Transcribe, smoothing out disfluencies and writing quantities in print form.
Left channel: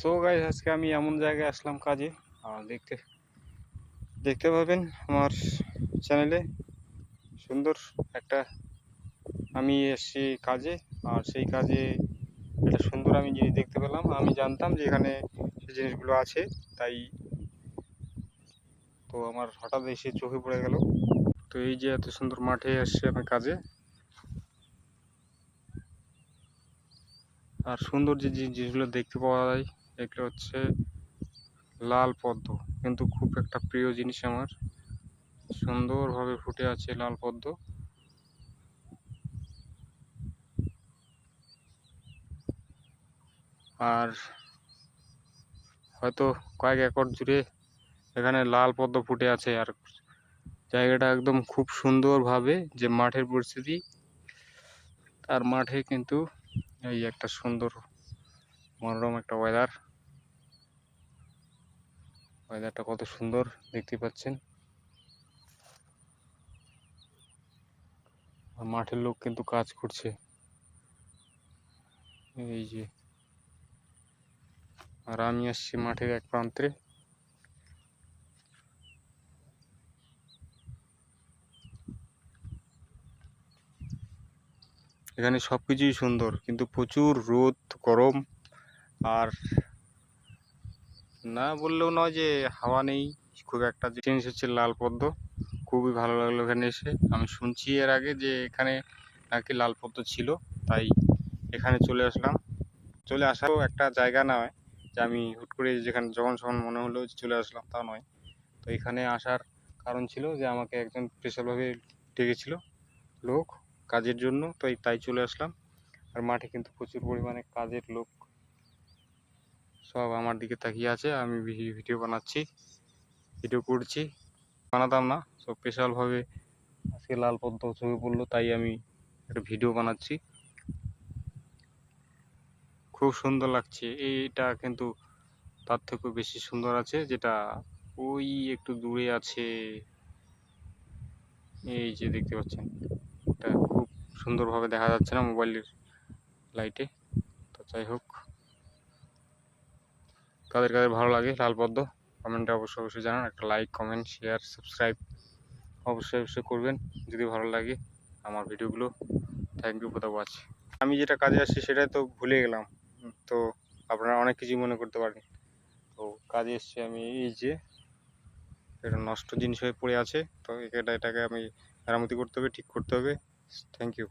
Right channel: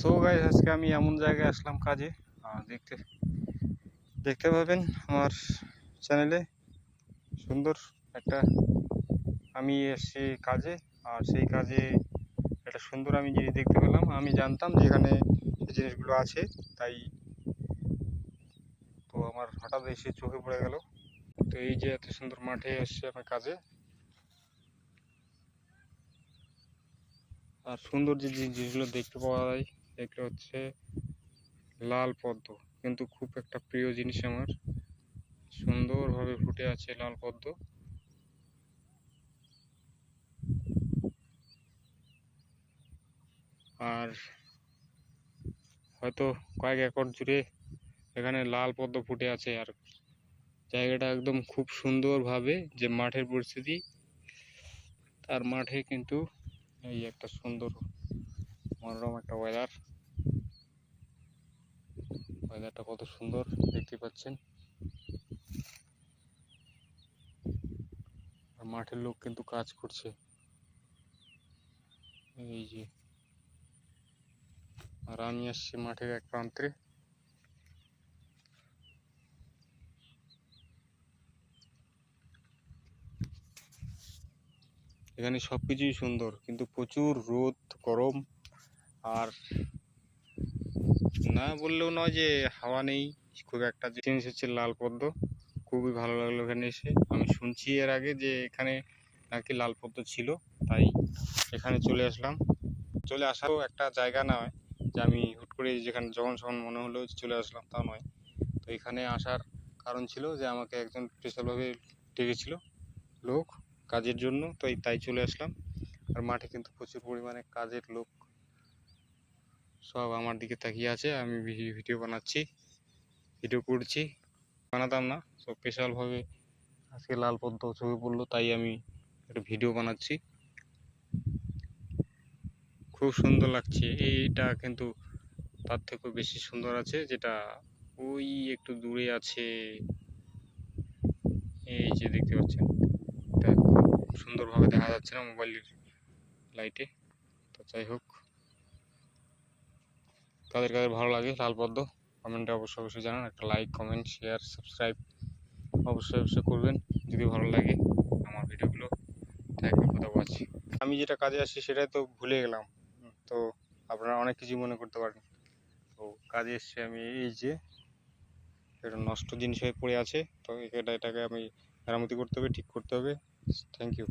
So guys, আজকে আমি এমন জায়গায় আসলাম কাজে। আর দেখতে পাবেন আমার চ্যানেলে সুন্দর একটা আমি এসেছি কাজে। আর সেই কাজে একটা সুন্দর আমি জিনিস দেখতে পেলাম। আমি জানতাম যে এখানে সেই জিনিসগুলো আছে, তাই তো আমার হঠাৎ এসে চোখে পড়ে গেল। তো এই যে এত সুন্দর মাঠে এসেছি আমি কাজে, আর সুন্দর যে জিনিসগুলো দেখতে পাওয়া যায় এগুলো হচ্ছে লাল পদ্ম। কিন্তু খুব একটা প্রিয় জিনিস আমার, সুন্দরভাবে ফুটে আছে লাল পদ্ম। আর হয়তো কয়েক একর জুড়ে এখানে লাল পদ্ম ফুটে আছে। আর জায়গাটা একদম খুব সুন্দরভাবে, যে মাঠের পরিস্থিতি, তার মাঠে কিন্তু এই একটা সুন্দর মনোরম একটা ওয়েদারটা কত সুন্দর দেখতে পাচ্ছেন। আর মাঠের লোক কিন্তু কাজ করছে, এই যে। আর আমি আসছি মাঠের এক প্রান্তে। এখানে সবকিছুই সুন্দর, কিন্তু প্রচুর রোদ, গরম। আর না বললেও নয় যে হাওয়া নেই খুব একটা। জিনিস হচ্ছে লাল পদ্ম, খুবই ভালো লাগলো এখানে এসে। আমি শুনছি এর আগে যে এখানে নাকি লাল পদ্ম ছিল, তাই এখানে চলে আসলাম। চলে আসারও একটা জায়গা নয় যে আমি হুট করে যেখানে যখন মনে হলো চলে আসলাম, তা নয়। তো এখানে আসার কারণ ছিল যে আমাকে একজন স্পেশালভাবে ডেকেছিল লোক কাজের জন্য, তো তাই চলে আসলাম। আর মাঠে কিন্তু প্রচুর পরিমাণে কাজের লোক সব আমার দিকে তাকিয়ে আছে। আমি ভিডিও বানাচ্ছি, ভিডিও করছি। বানাতাম না, সব স্পেশালভাবে আজকে লাল পদ্ম চোখে পড়লো, তাই আমি একটা ভিডিও বানাচ্ছি। খুব সুন্দর লাগছে। এইটা কিন্তু তার থেকেও বেশি সুন্দর আছে, যেটা ওই একটু দূরে আছে। এই যে দেখতে পাচ্ছেন, এটা খুব সুন্দরভাবে দেখা যাচ্ছে না মোবাইলের লাইটে। তো যাই হোক, কাদের কাদের ভালো লাগে লাল পদ্ম কমেন্টে অবশ্যই জানান। একটা লাইক, কমেন্ট, শেয়ার, সাবস্ক্রাইব অবশ্যই করবেন যদি ভালো লাগে আমার ভিডিওগুলো। Thank you for the watch. আমি যেটা কাজে আসছি সেটাই তো ভুলে গেলাম, তো আপনারা অনেক কিছু মনে করতে পারেন। তো কাজে এসছি আমি, এই যে এটা নষ্ট জিনিস হয়ে পড়ে আছে, তো এটাকে আমি মেরামতি করতে হবে, ঠিক করতে হবে। Thank you.